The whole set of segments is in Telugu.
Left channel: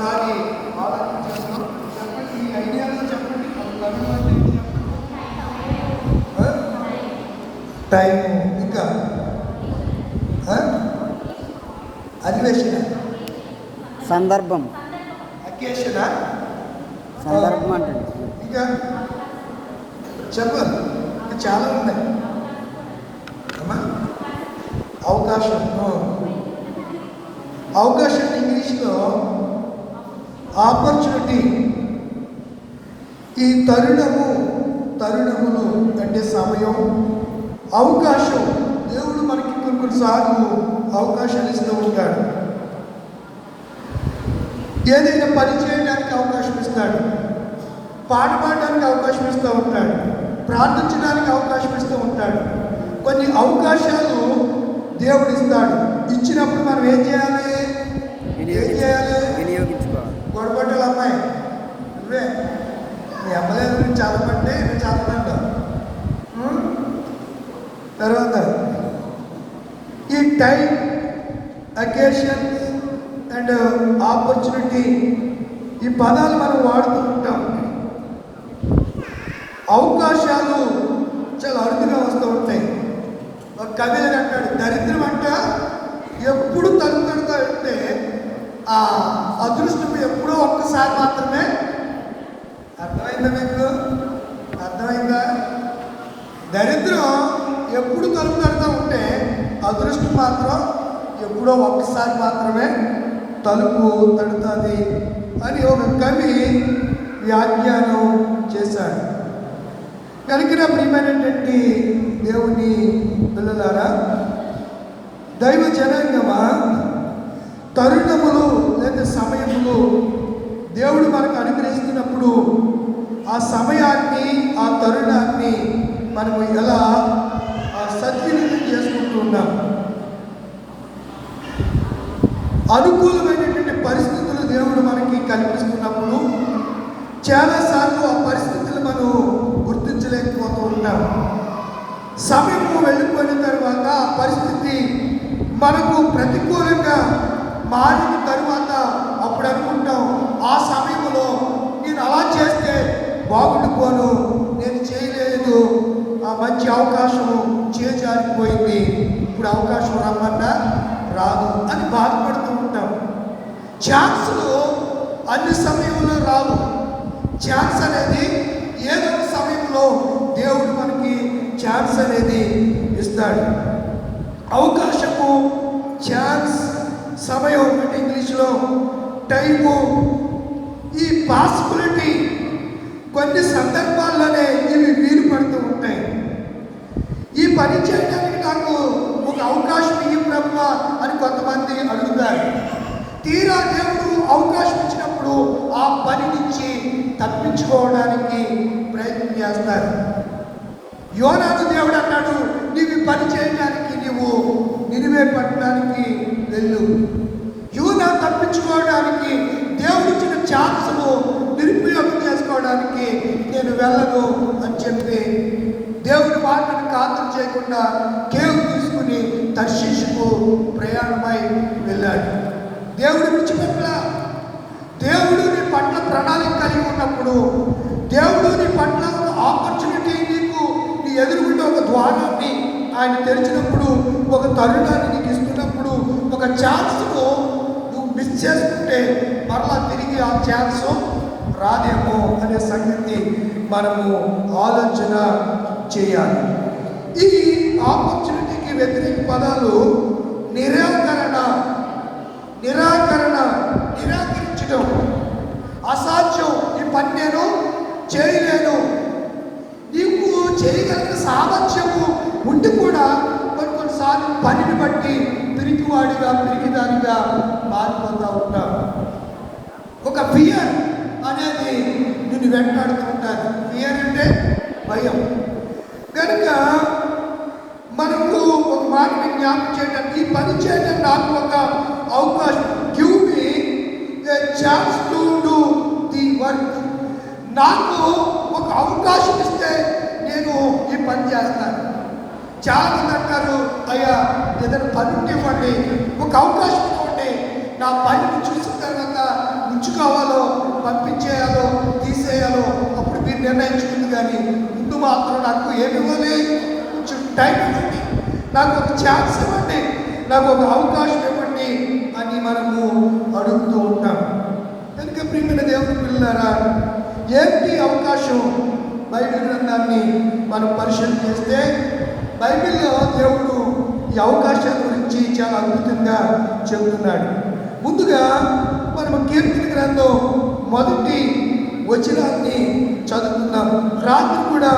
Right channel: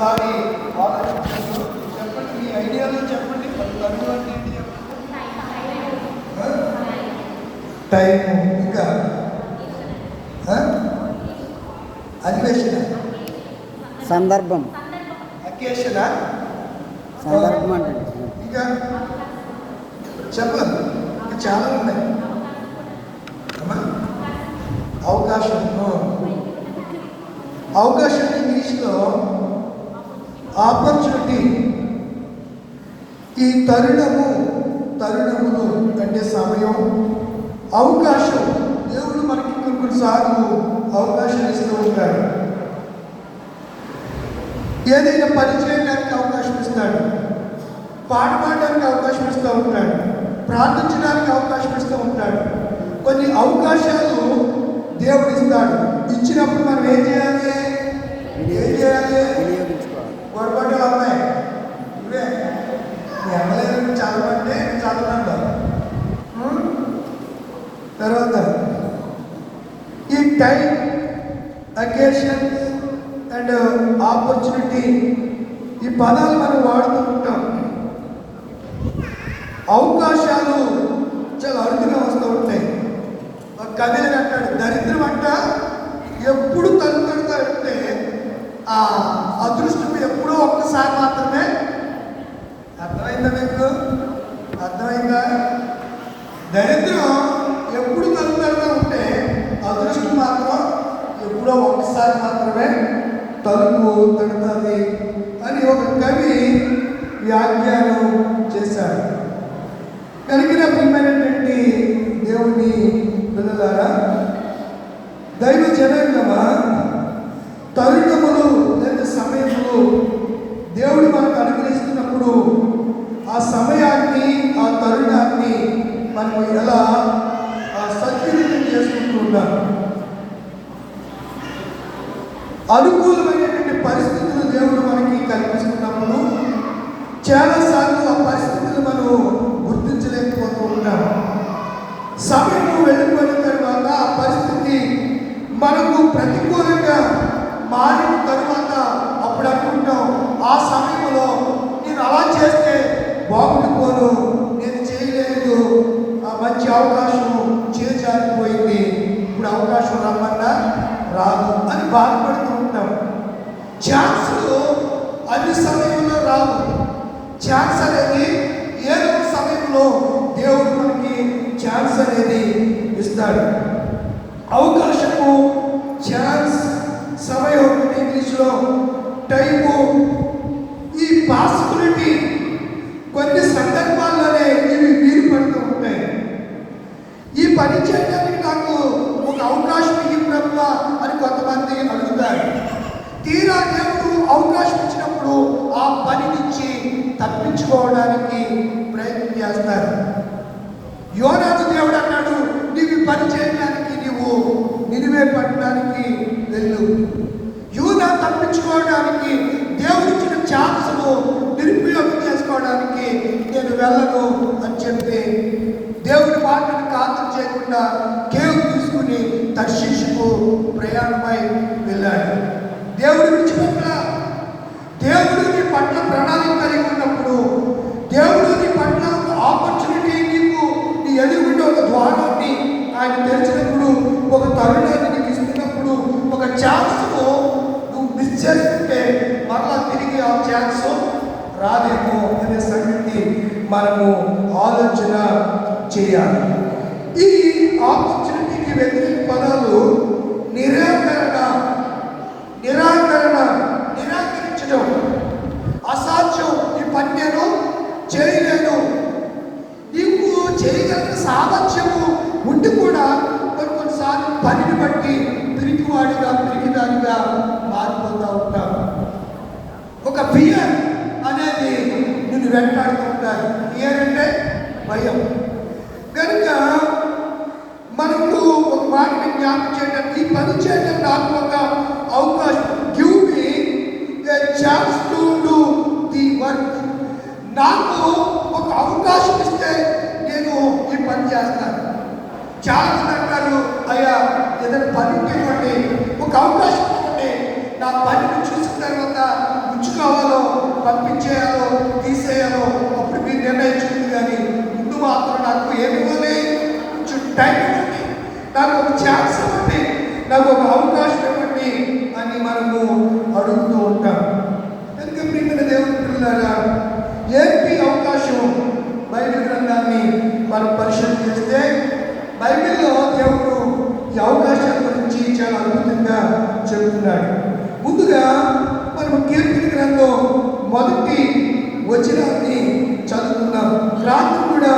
ఒకసారి ఆలోచించాను. చెప్పండి, మీ ఐడియాలో చెప్పండి. తరుణం అంటే ఏంటి చెప్పండి. టైం, ఇంకా అన్వేషణ, సందర్భం, అకేషణ, సందర్భం అంటే ఇంకా చెప్పండి. ఇంకా చాలా ఉన్నాయి. అవకాశం, అవకాశం ఇంగ్లీష్లో ఆపర్చునిటీ. ఈ తరుణములు అంటే సమయం, అవకాశం. దేవుడు మనకి కొన్నిసార్లు అవకాశాలు ఇస్తూ ఉంటాడు. ఏదైనా పని చేయడానికి అవకాశం ఇస్తాడు, పాట పాడడానికి అవకాశం ఇస్తూ ఉంటాడు, ప్రార్థించడానికి అవకాశం ఇస్తూ ఉంటాడు. కొన్ని అవకాశాలు దేవుడు ఇస్తాడు. ఇచ్చినప్పుడు మనం ఏం చేయాలి? వినియోగించుకోవాలి. గొడవలు అమ్మాయి నువ్వే నీ అమ్మలేదు చదవంటే చదవంట. తర్వాత ఈ టైం, అకేషన్ అండ్ ఆపర్చునిటీ, ఈ పదాలు మనం వాడుతూ ఉంటాం. అవకాశాలు చాలా అరుదుగా వస్తూ ఉంటాయి. ఒక కవి అంటాడు, దరిద్రం అంట ఎప్పుడు తలుపుతా అంటే ఆ అదృష్టం ఎప్పుడూ ఒక్కసారి మాత్రమే. అర్థమైందా మీకు? అర్థమైందా? దరిద్రం ఎప్పుడు తలుపుతా ఉంటే అదృష్టం మాత్రం ఎప్పుడో ఒక్కసారి మాత్రమే తలుపు తడుతుంది అని ఒక కవి వ్యాఖ్యానం చేశాడు. కనుక ప్రియమైనటువంటి దేవుని పిల్లలారా, దైవ జనాంగమా, తరుణములు లేదా సమయములు దేవుడు మనకు అనుగ్రహిస్తున్నప్పుడు ఆ సమయాన్ని, ఆ తరుణాన్ని మనము ఎలా సద్వినియోగం చేసుకుంటున్నాం. అనుకూలమైనటువంటి పరిస్థితులు దేవుడు మనకి కల్పిస్తున్నప్పుడు చాలాసార్లు ఆ పరిస్థితులు మనం గుర్తించలేకపోతూ ఉంటాం. సమయం వెళ్ళిపోయిన తర్వాత ఆ పరిస్థితి మనకు ప్రతికూలంగా మారిన తర్వాత అప్పుడు అనుకుంటాం, ఆ సమయంలో నేను అలా చేస్తే బాగుండిపోను, నేను చేయలేదు, ఆ మంచి అవకాశం చేజారిపోయింది, ఇప్పుడు అవకాశం రమ్మన్నా రాదు అని బాధపడుతూ ఉంటాం. ఛాన్స్లు అన్ని సమయంలో రావు. ఛాన్స్ అనేది ఏదో ఒక సమయంలో దేవుడు మనకి ఛాన్స్ అనేది ఇస్తాడు. అవకాశము, ఛాన్స్, సమయం అంటే ఇంగ్లీష్లో టైము, ఈ పాసిబిలిటీ కొన్ని సందర్భాల్లోనే ఇవి వీలు పడుతూ ఉంటాయి. ఈ పని చేయడానికి నాకు ఒక అవకాశం ఇవ్వు బ్రహ్మ అని కొంతమంది అడుగుతారు. తీరా దేవుడు అవకాశం ఇచ్చినప్పుడు ఆ పని నుంచి తప్పించుకోవడానికి ప్రయత్నం చేస్తారు. యోనాను దేవుడు అన్నాడు, నీవు పని చేయడానికి నీవు నినివే పట్టణానికి వెళ్ళు. యోనా తప్పించుకోవడానికి దేవుడిచ్చిన ఛాన్స్ను నిరుపయోగం చేసుకోవడానికి నేను వెళ్ళను అని చెప్పి దేవుడి మాటను ఖాతరు చేయకుండా కేవు తీసుకుని తర్షీషుకు ప్రయాణమై వెళ్ళాడు. దేవుడు విడిచిపెట్ట. దేవుడు నీ పట్ల ప్రణాళిక కలిగి ఉన్నప్పుడు, దేవుడు నీ పట్ల ఒక ఆపర్చునిటీ, నీకు నీ ఎదుర్కొంటే ఒక ద్వారాన్ని ఆయన తెరిచినప్పుడు, ఒక తరుణాన్ని నీకు ఇస్తున్నప్పుడు, ఒక ఛాన్స్ను నువ్వు మిస్ చేసుకుంటే మరలా తిరిగి ఆ ఛాన్స్ రాదేమో అనే సంగతి మనము ఆలోచన చేయాలి. ఈ ఆపర్చునిటీకి వ్యతిరేక పదాలు నిరాకరణ, నిరాకరించడం, అసాధ్యం, ఈ పని నేను చేయలేను. నీకు చేయగలిగిన సామర్థ్యము ఉండి కూడా కొన్నిసార్లు పనిని బట్టి పిరికిదానిగా మారిపోతూ ఉంటావు. ఒక ఫియర్ అనేది నిన్ను వెంటాడుతూ ఉంటారు. ఫియర్ అంటే భయం. కనుక నాకు ఏమి ఇవ్వాలి, కొంచెం టైం ఇవ్వండి, నాకు ఒక ఛాన్స్ ఇవ్వండి, నాకు ఒక అవకాశం ఇవ్వండి అని మనము అడుగుతూ ఉంటాం. కనుక ప్రియమైన దేవుని పిల్లలారా, ఏంటి అవకాశం? బైబిల్ గ్రంథాన్ని మనం పరిశీలన చేస్తే బైబిల్లో దేవుడు ఈ అవకాశాల గురించి చాలా అద్భుతంగా చెబుతున్నాడు. ముందుగా మనం కీర్తన గ్రంథం మొదటి వచనాన్ని చదువుకుందాం. రాత్రి కూడా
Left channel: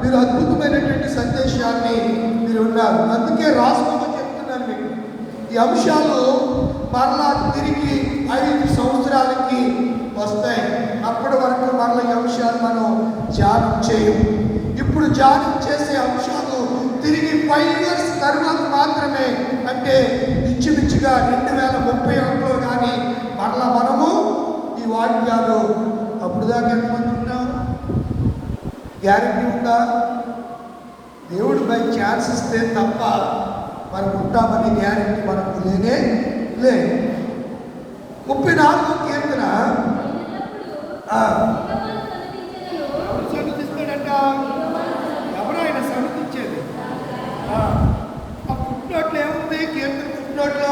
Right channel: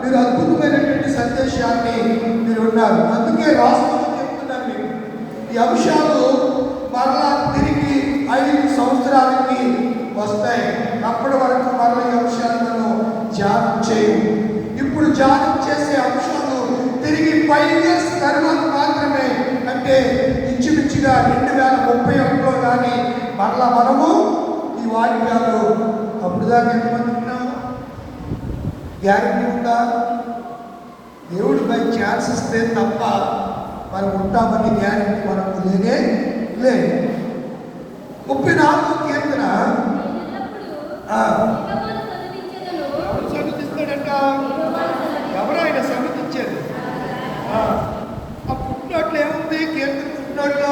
మీరు అద్భుతమైనటువంటి సందేశాన్ని మీరు ఉన్నారు, అందుకే రాసుకోమని చెప్తున్నాను మీకు. ఈ అంశాలు మరలా తిరిగి 5 సంవత్సరాలకి వస్తాయి. అప్పటి వరకు మరలా ఈ అంశాలు మనం ధ్యానం చేయం. ఇప్పుడు ధ్యానం చేసే అంశాలు తిరిగి 5 ఇయర్స్ తర్వాత మాత్రమే, అంటే ఇంచుమించుగా 2031లో కానీ మరలా మనము ఈ వాక్యాలు అప్పుడు దాకా ఎంతమంటున్నాం? గ్యారంటీ ఉందా? దేవుడు బై ఛాన్స్ ఇస్తే తప్ప మనం ఉంటామని గ్యారంటీ మనకు లేనే లేదు. 34వ కీర్తన ఎవరు సన్నతిస్తాడంట? ఎవరు ఆయన సన్నతించేది? ఆ పుట్టినట్లు ఏముంది? కీర్తన పుట్టినట్లు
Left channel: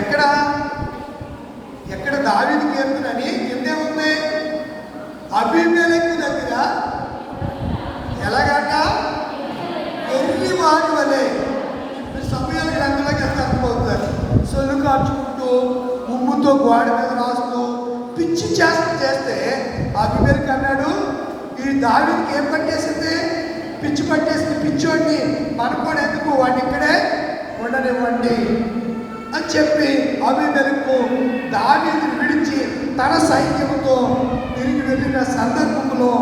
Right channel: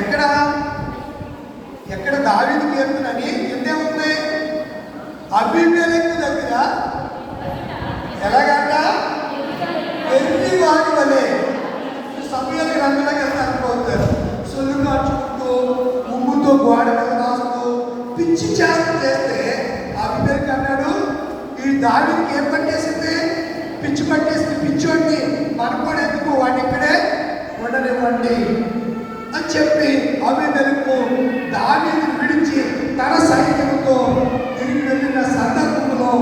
ఎక్కడ ఎక్కడ దావీదు కీర్తన అని కిందేముంది? అబీమెలెకు దగ్గర ఎలాగంట? వెర్రి వారి వలె సమయానికి రంగులకి అనుకోతారు, సొల్లు కాచుకుంటూ ముగ్గుతో గోడ మీద రాస్తూ పిచ్చి చేస్తే అబీమెలెకు అన్నాడు, ఈ దావీదుకి ఏం పట్టేసింది? పిచ్చి పట్టేసింది, పిచ్చోడిని మనకోడు ఎందుకు, వాటి ఇక్కడే ఉండనివ్వండి అని చెప్పి అబీమెలెకు దావీదు విడిచి తన సైన్యంతో తిరిగి వెళ్ళిన సందర్భంలో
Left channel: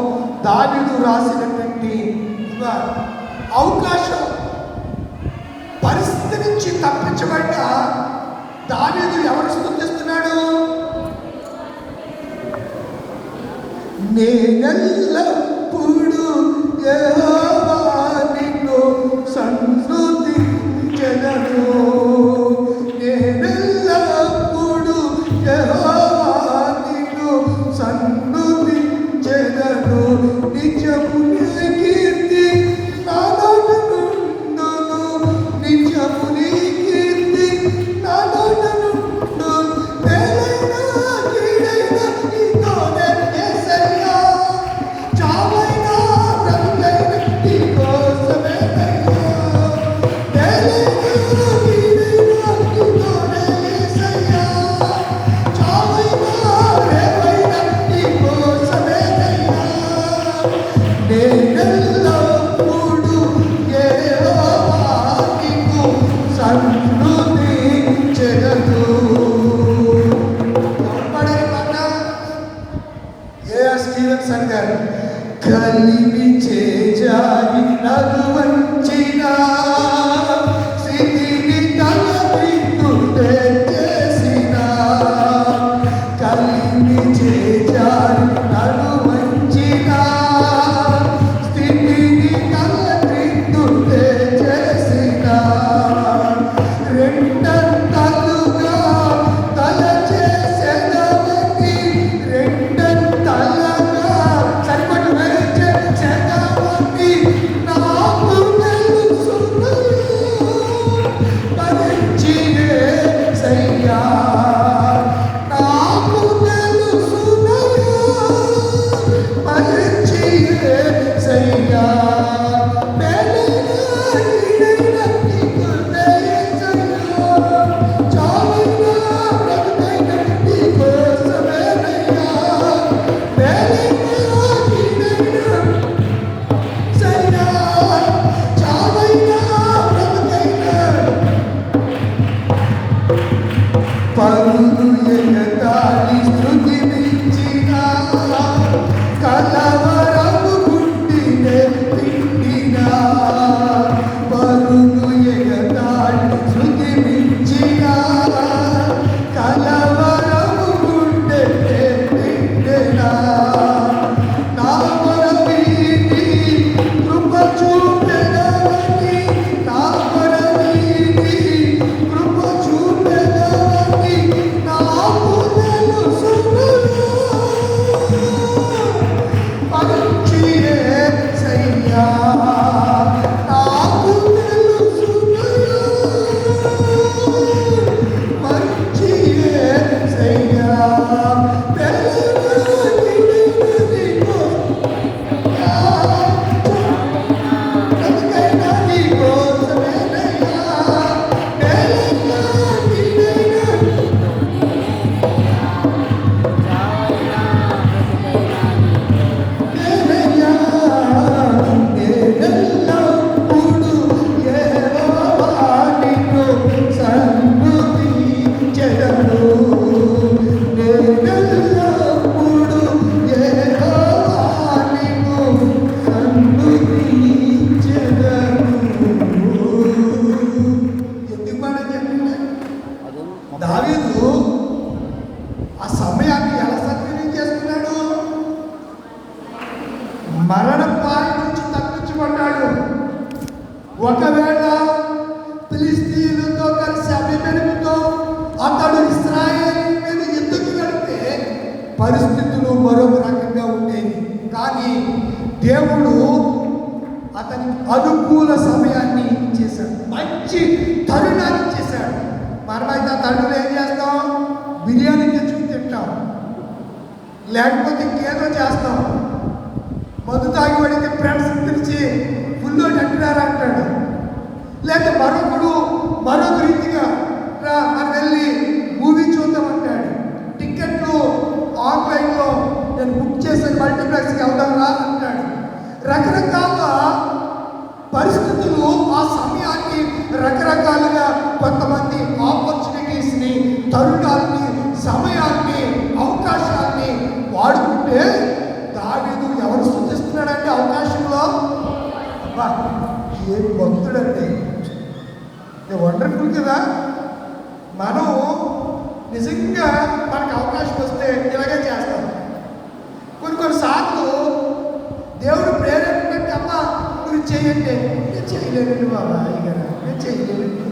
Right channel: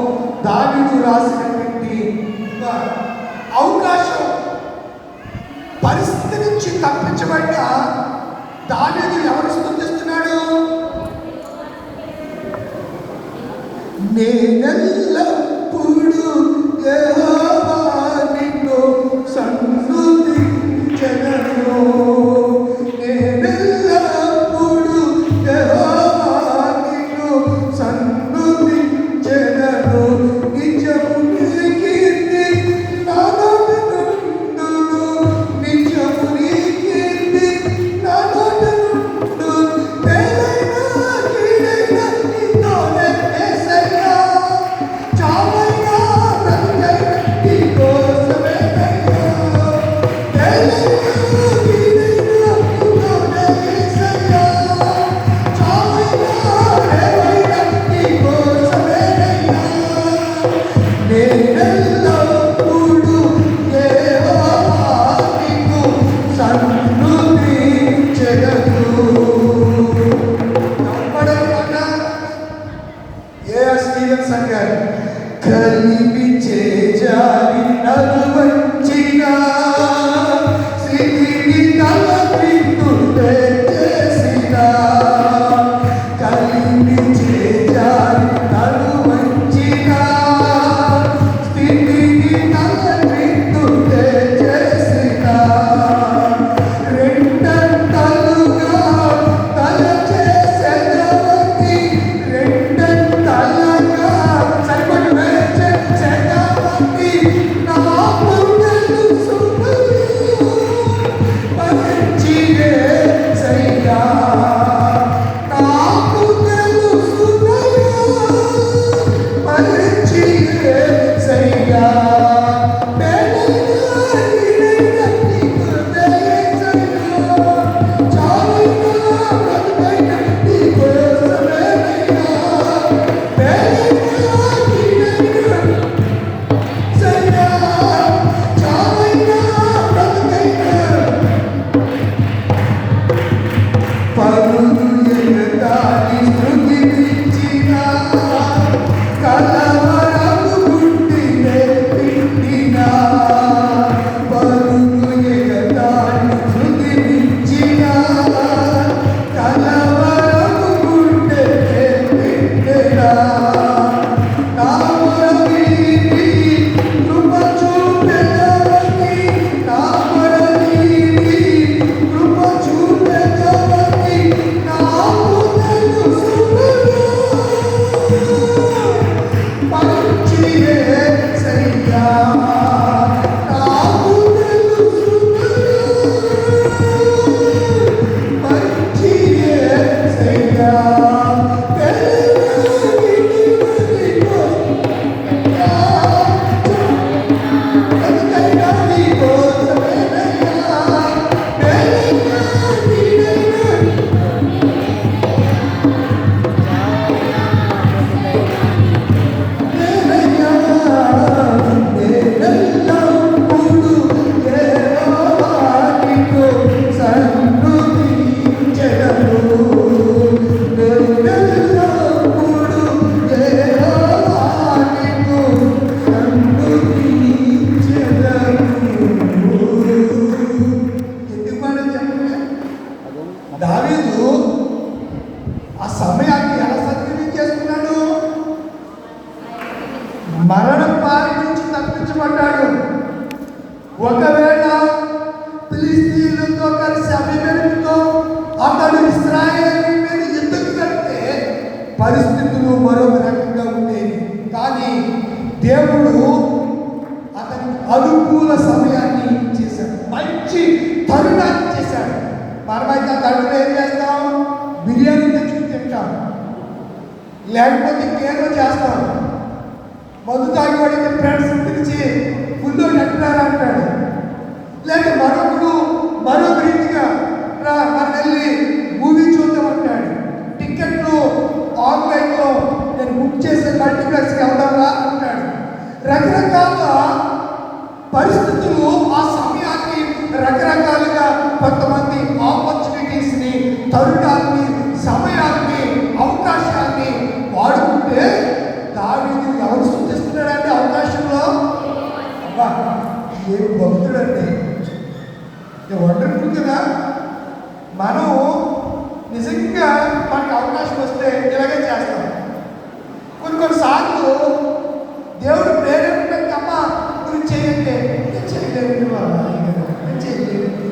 దావీదు రాసినటువంటి అవకాశం, పరిస్థితి నుంచి తప్పించబడ్డ దావీదు ఎవరు స్తుతిస్తున్నాడు? నేనెల్లప్పుడూ యెహోవా నిన్ను సన్నుతించెదను, నేనెల్లప్పుడూ యెహోవా నిన్ను సన్నుతించెదను, నిత్యము నీ కీర్తి నా నోట నుండును, నిత్యము నీ కీర్తి నా నోట నుండును, మేలైన కీడైన నీతోనే యేసయ్యా, చాలా లేకపోతే ఇంకేదో చేస్తాం. మందు తాగి పడితే ఫ్రెండ్స్ పిలిచి ఫుల్లో నెట్టారా అంటాడు. లేదా మరొక రీతిగా మనం వెళ్ళి మూవీ చూద్దాం అంటాడు. టికెట్లు ఆన్లైన్లో నేను బుక్ చేసే మల్టీప్లెక్స్కి వెళ్దామా అంటాడు. రకరకాల పరిస్థితులు ఆ సమయాన్ని రకరకాలుగా కొంతమంది ఆపర్చునిటీస్ని, తరుణాన్ని, సమయాన్ని, అవకాశాన్ని వాడుకుంటే దావీదు ఎవరు సూచిస్తున్నాడంటే అవకాశంలో ఏ భక్తుడండి. వండర్ఫుల్ కదా. మనం నిజంగా మనకు అవకాశం వస్తే ఇలాగే చేస్తాం. కొన్నిసార్లు దేవుడు ప్రేరేపణ అమ్మ మీరు చేయండి, నేను చేయలేదండి బాబా, నేను చేయలేదండి,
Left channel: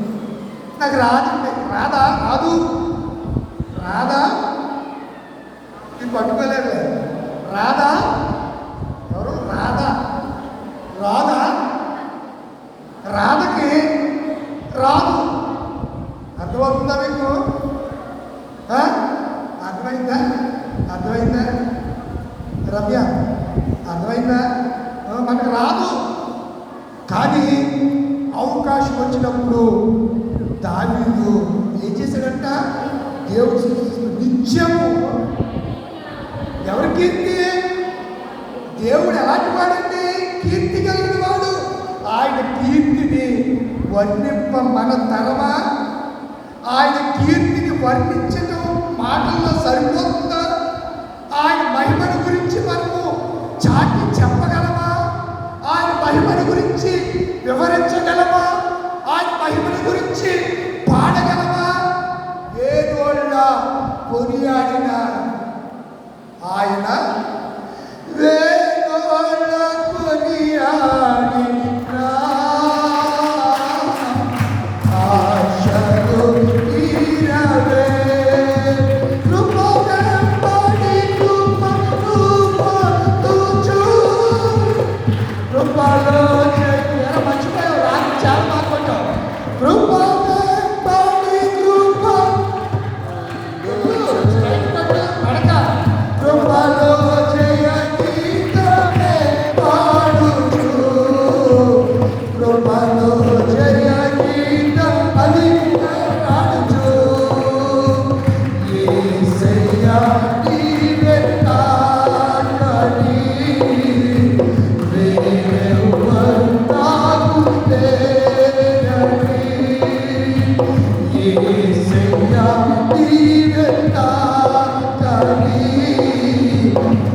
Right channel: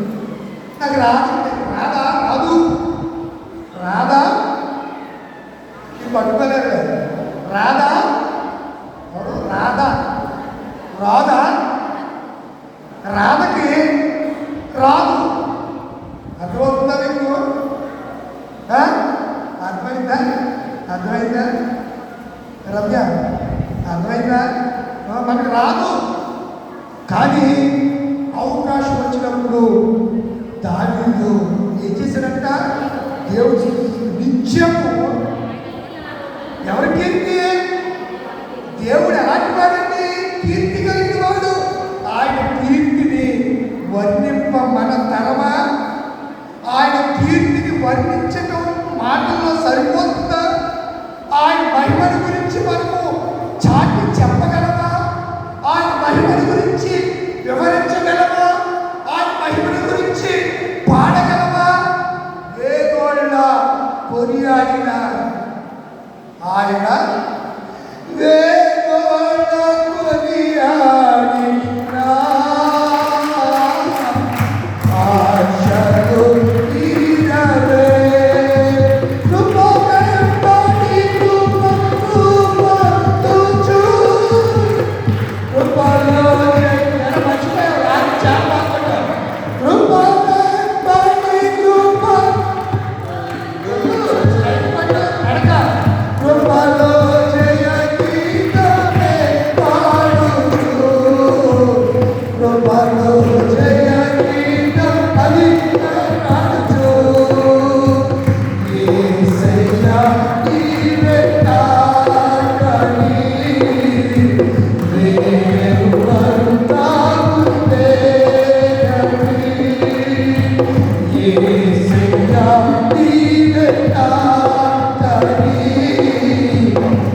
నాకు రాదండి. రాదు ఇది పట్టుకోలేదు. రాదా రాధకి రాదు. అర్థమవుతుందా మీకు? అర్థమైందా రమ్య? అర్థమైందా? మనకు రాదు. కానీ అవకాశం వచ్చినప్పుడు దావీదు ఏం చేశాడంట? దేవుడు నిత్యము ఎవరి కీర్తి? దేవుడు ఎలాంటి వాడండి? కీర్తి కలిగిన వాడు. ఆయన కీర్తిని వర్ణింప మన తరమా? ఆయన కీర్తిని వర్ణించటం మాటల్లో సరిపోతుందా? ఆయన మహిమను గురించి మనము చాటి చెప్పగలమా? ఆయన మహిమను గురించి వివరించగలమా? ఆయన మహిమను గురించి పాడగలమా? వేగోళ్ళ కొనియాడిన ఆయన వేగోళ్ళ కొనియాడిన ఆశలు తీరవే. కృపగంబడి కృప తుచు కృపలో మర్చిపోయావు చెప్పకుండా కృపగంబడి కృప నడక కృపలో జయ గీతమే పాడుచు కృపలో జయ గీతం అది పాడుచు యేసయ్యా నీవే కాకని వేరెవరు నాకు లేరని యేసయ్యా నీవే కాకని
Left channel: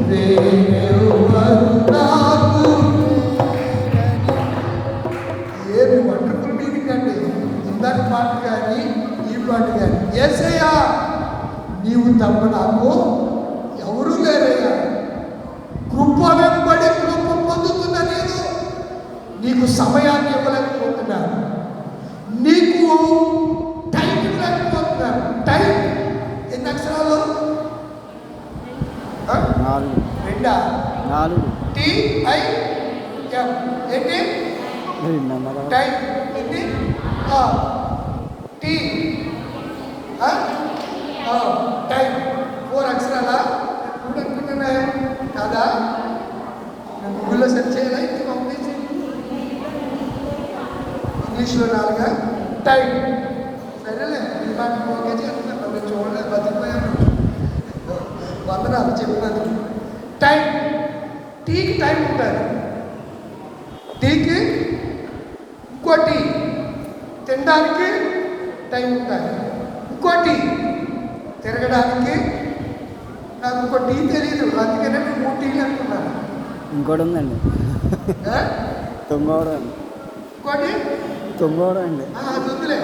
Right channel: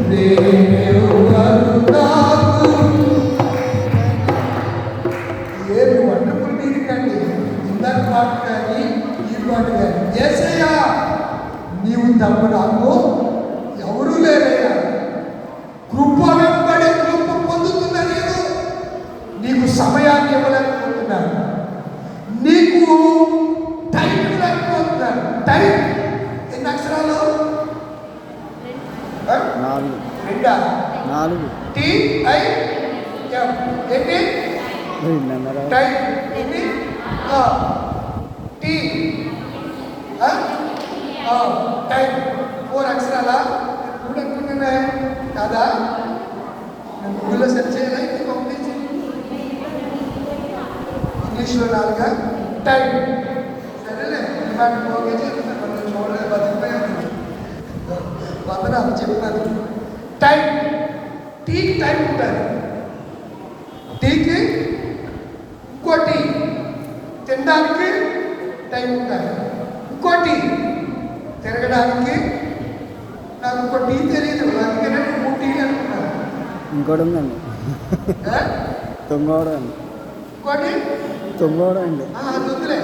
వేరెవరు నాకు. ఏమి వండర్ఫుల్ మీనింగ్ అండి. ఇందాక పాట కానీ ఈ పాట కానీ. యేసయ్యా నీవు తప్ప నాకు ఎవరూ లేరయ్యా. కృప వెంబడి కృప పొందుతున్నా నేను. నీకు సమయాన్ని ఇవ్వలేకపోతున్నాను, నీకు టైం ఇవ్వలేకపోతున్నాను. టైం ఎన్ని అక్షరాలు? 4 TIM ఏంటి? 2.5 టైం ఏంటి? టీ టైం 4 అక్షరాలా? ఇప్పుడు అనుకుంటున్నా కదా. గూగుల్లో సెర్చ్ చేయాలి. పంపించి ఇంగ్లీష్లో 4 టైం. సరేలే ఓకే చూడలేదు బతికిపోయాను. వందనాలు చెప్పాను. టైం, టీకి టైం ఉంటుంది. టీకి ఇంకోటి తినడానికి టైం ఉంటుంది. ఇంకోటి తిరగడానికి. నాకు ఇంకో టీ తెలియదు, అందుకనే 3 టీలు అనుకున్నాను. ఇంకోటి ఉందండి, తొంగోడ అండి. ఇంకోటి తొంగోడ అండి. అది వదిలే.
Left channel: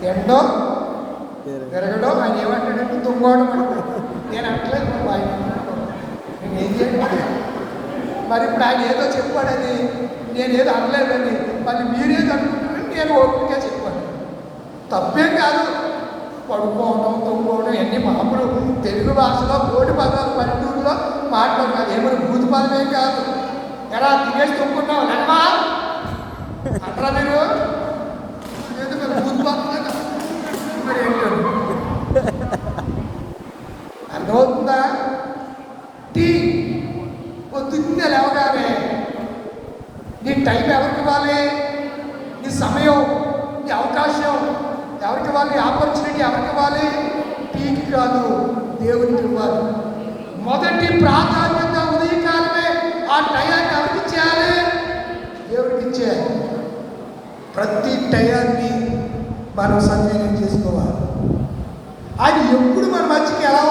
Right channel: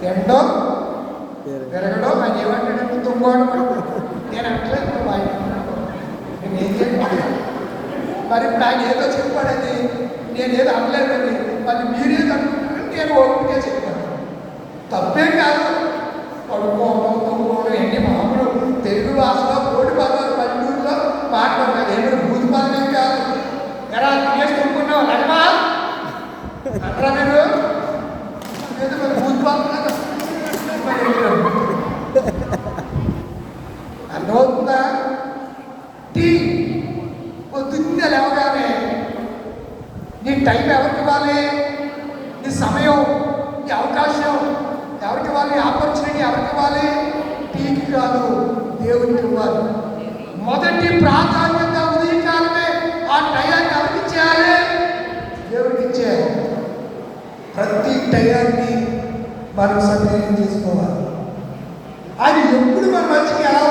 తినడం తిరగడం ఆయన ఏమంటాడంటే తుంగోడం. నేను అంటలేదు ఆయన. నేనేం చేయాలి మరి? ఇప్పుడు ఆయన ఏదో చెప్పాడని నేనేదో అనలేదని మరి మీరేదో అనుకుంటున్నారని నేను ఓపికగా చెప్పాను. తప్పేం కాదు. పడుకోవడం, తొంగోవడం ఎన్ని పదములు తెలుగు భాషలో కోటి పదాలు పల్లెటూరులో మాట్లాడతారు. ఏమైనా భూతి పదమే కాదు. ఎలా తినేసి తొంగున్నావు లగమా అట్లా మీరు భూతి పదం టైం ఎవరికి ఇవ్వాలి? నీ సమయం, నీ అవకాశం ఎవరికి ఇవ్వాలి? ఆపర్చునిటీ ఎవరికి ఇవ్వాలి? టీకి కాదు, దేవునికి ఇవ్వాలి. మొదటి ప్రాధాన్యత ఉదయకాలమే ఆ టయాన్ని ఎవరికి ఇచ్చేయాలి? దేవుడికి ఇచ్చేయాలి. ప్రతి టయాన్ని మనం సద్వినియోగం చేసుకోవాలి. ఆయన ఎప్పుడు మన మంచికి ఎలా